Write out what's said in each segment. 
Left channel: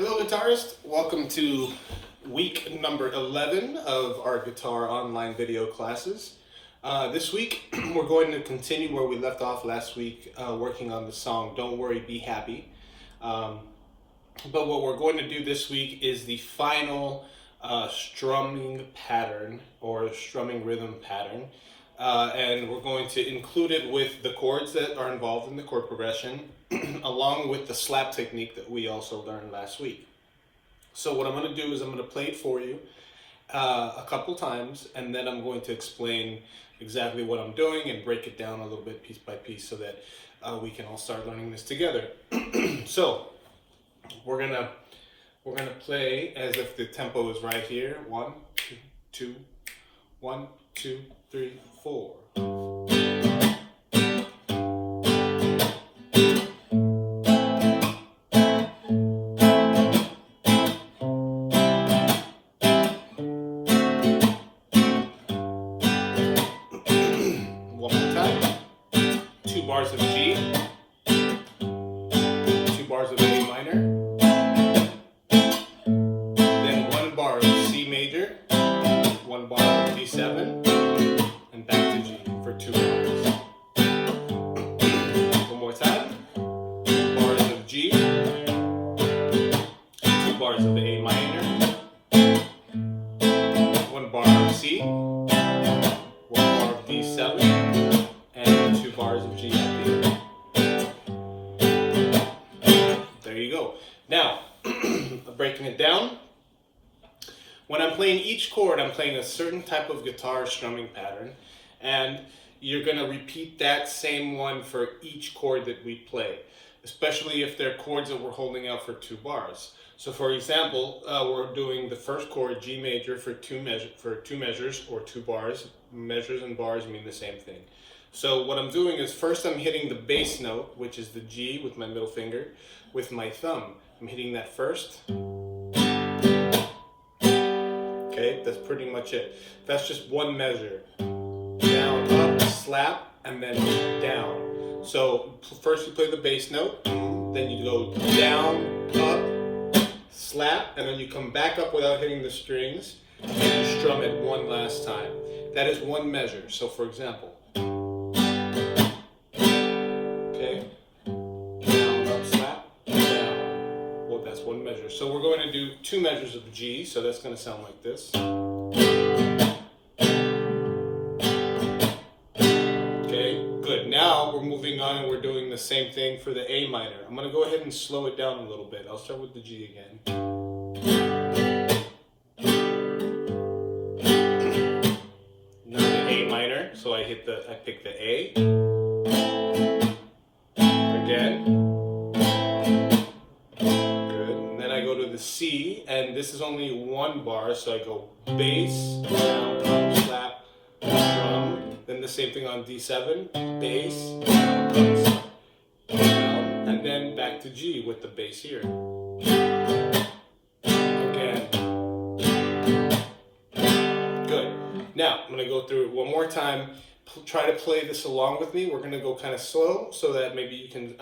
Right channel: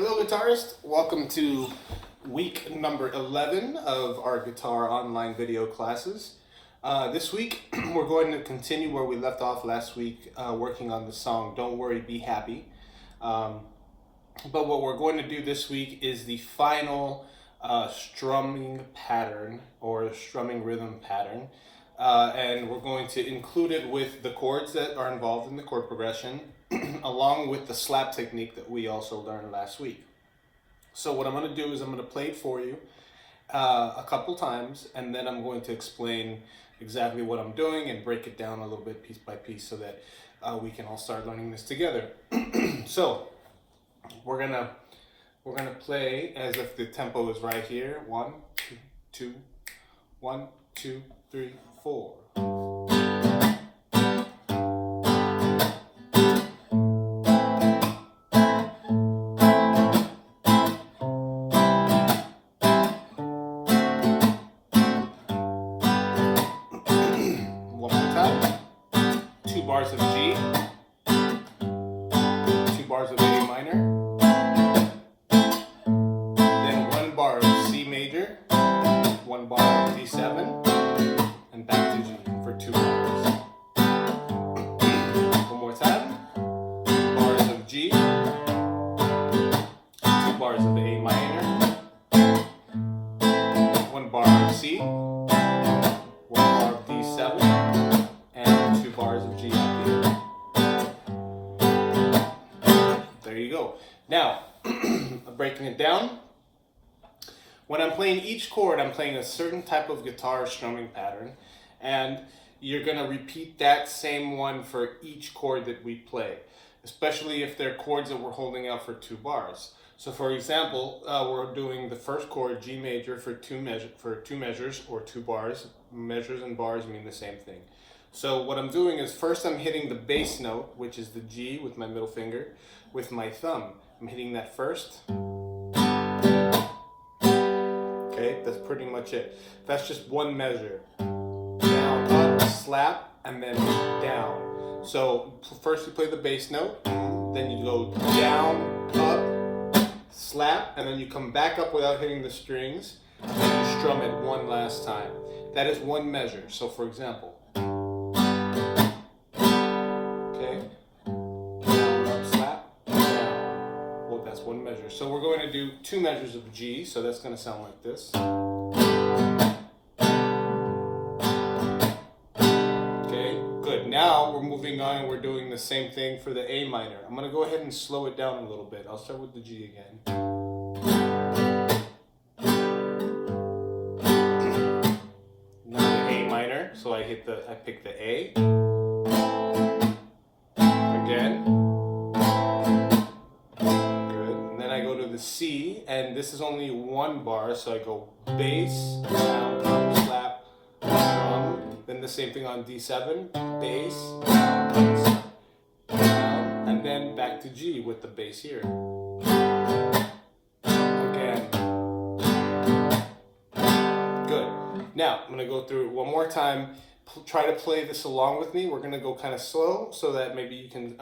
Hello, guitarist. Welcome to week number 11 of our guitar online video classes. This week, we're going to continue where we left off last week, working on the song Don't Worry, Be Happy. But what we're going to do this week is the final strumming pattern or strumming rhythm pattern. And we're going to include it with the chords that are involved in the chord progression, along with the slap technique that we also learned last week. So what I'm going to do is I'm going to play it for you a couple times, and then I'm going to explain exactly what I'm doing and break it down a little bit piece by piece so that we can all start learning this together. So we're gonna play as if the tempo is right here. 1, 2, 2, 1, 2, 3, 4. One more time. 2 bars of G, 2 bars of A minor, then 1 bar of C major, 1 bar of D7, and back to G for 2 bars. One more time. 2 bars of G, 2 bars of A minor, 1 bar of C, 1 bar of D7, and 2 bars of G up here. There you go. Now, breaking it down. When I'm playing each chord, I'm playing a certain type of guitar strumming pattern, and you're going to repeat that same one for each chord that we play, especially if they're chords that we're holding out for 2 bars. So for example, we're doing the first chord, G major, for two measures or 2 bars. Measures and bars mean the same thing. So what I'm doing is first I'm hitting the bass note, which is the G with my middle finger, with my thumb. I'm hitting that first. Okay, that's pretty much it. That's just one measure. Down, up, slap, and then down. So first you play the bass note, then you go down, up, slap, and then you come back up without hitting the strings, and you strum it one last time. That is one measure. So for example, okay, down, up, slap, down. Well, that's one measure. So we're going to do 2 measures of G, so that's going to sound like this. Okay, good. Now we're moving on and we're doing the same thing for the A minor. I'm going to go ahead and slow it down a little bit. I'll start with the G again. Now the A minor, so I pick the A. Again. Good. And then I go to the C, and this is only 1 bar, so I go bass, down, up, slap, drum. Then the same thing on D7, bass, down, and then back to G with the bass here. Again. Good. Now, I'm going to go through it one more time. Try to play this along with me. We're going to go kind of slow so that maybe you can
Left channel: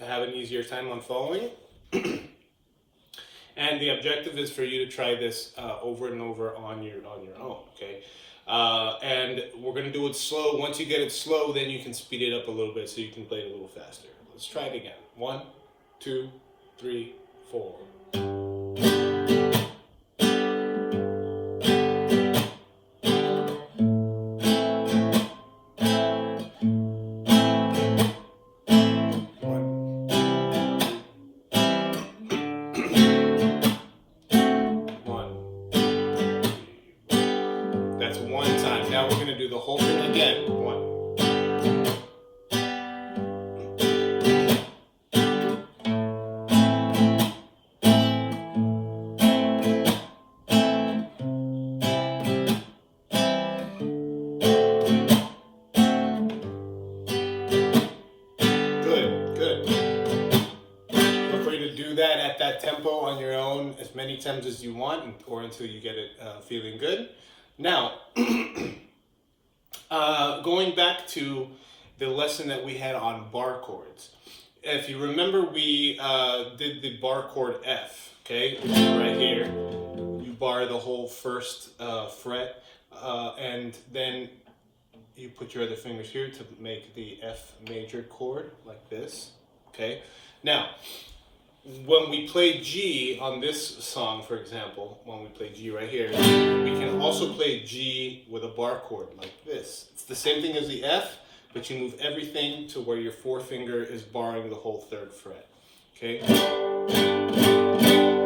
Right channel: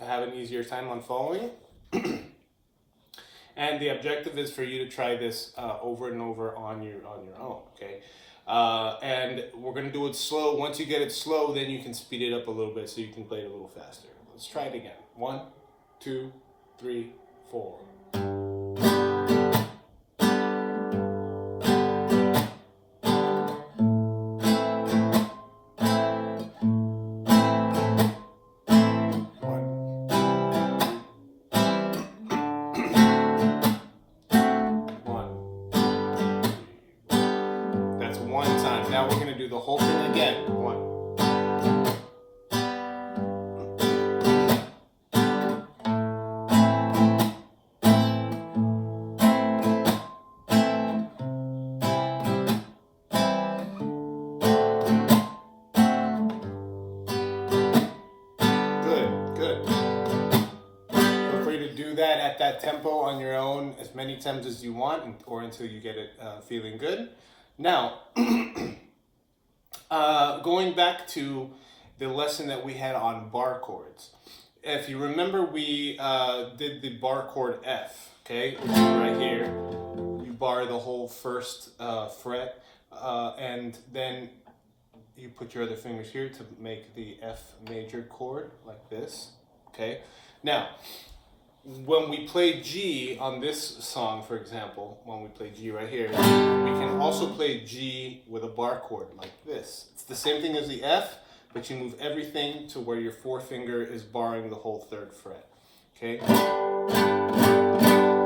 have an easier time on following. And the objective is for you to try this over and over on your own, okay? And we're going to do it slow. Once you get it slow, then you can speed it up a little bit so you can play it a little faster. Let's try it again. 1, 2, 3, 4. That's one time. Now we're going to do the whole thing again. 1. That at that tempo on your own as many times as you want, or until you get it feeling good. Now, going back to the lesson that we had on bar chords. if you remember, we did the bar chord F, okay, which is right here. You bar the whole first fret, and then you put your other fingers here to make the F major chord, like this, okay? Now, when we play G on this song, for example, when we play G right here, we can also play G with a bar chord, like this. It's the same thing as the F, but you move everything to where your forefinger is barring the whole third fret, okay?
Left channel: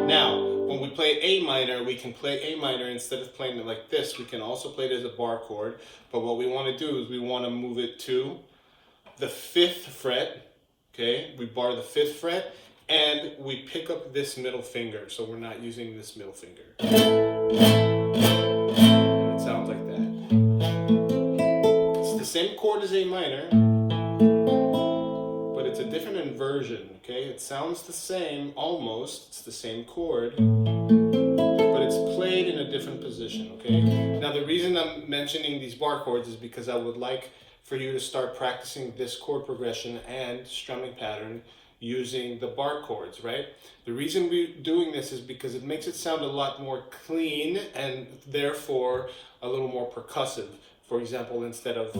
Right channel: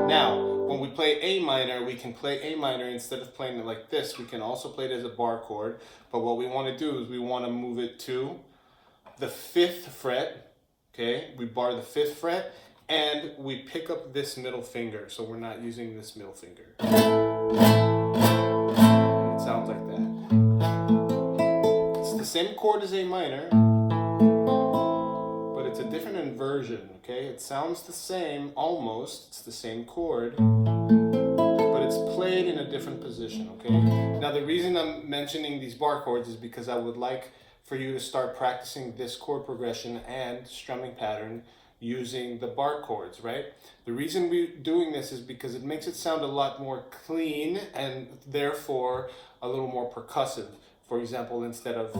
Now, when we play A minor, we can play A minor, instead of playing it like this, we can also play it as a bar chord, but what we want to do is we want to move it to the 5th fret, okay? We bar the 5th fret, and we pick up this middle finger, so we're not using this middle finger. It sounds like that. It's the same chord as A minor, but it's a different inversion, okay? It sounds the same, almost. It's the same chord, but it's played in a different position, okay? Now, the reason I'm mentioning these bar chords is because I would like for you to start practicing this chord progression and strumming pattern using the bar chords, right? The reason we're doing this is because it makes it sound a lot more clean and therefore a little more percussive. For example, instead of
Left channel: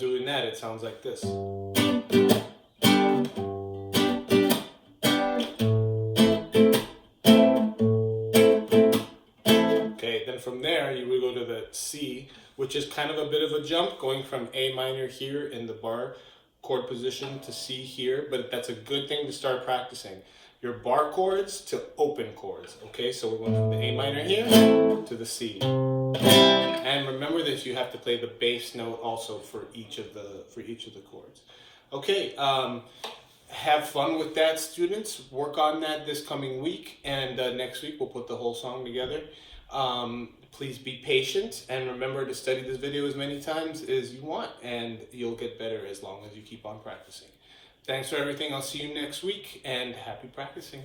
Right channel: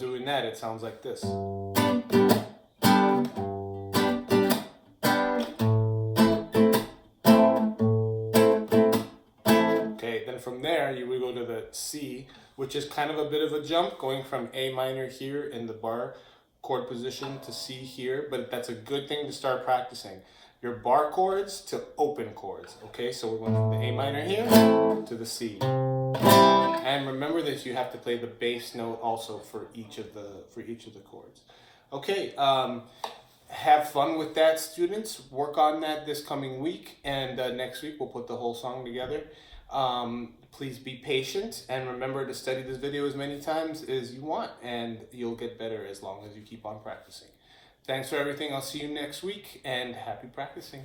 doing that, it sounds like this. From there, you would go to the C, which is kind of a bit of a jump, going from A minor here in the bar chord position to C here, but that's a good thing to start practicing. Your bar chords to open chords, okay? So we're going from the A minor here to the C. And remember that you have to play the bass note also for each of the chords. Okay, have fun with that, students. Work on that this coming week, and next week we'll put the whole song together. Please be patient, and remember to study this video as many times as you want, and you'll get better as long as you keep on practicing. Thanks for everything. I'll see you next week, and happy practicing.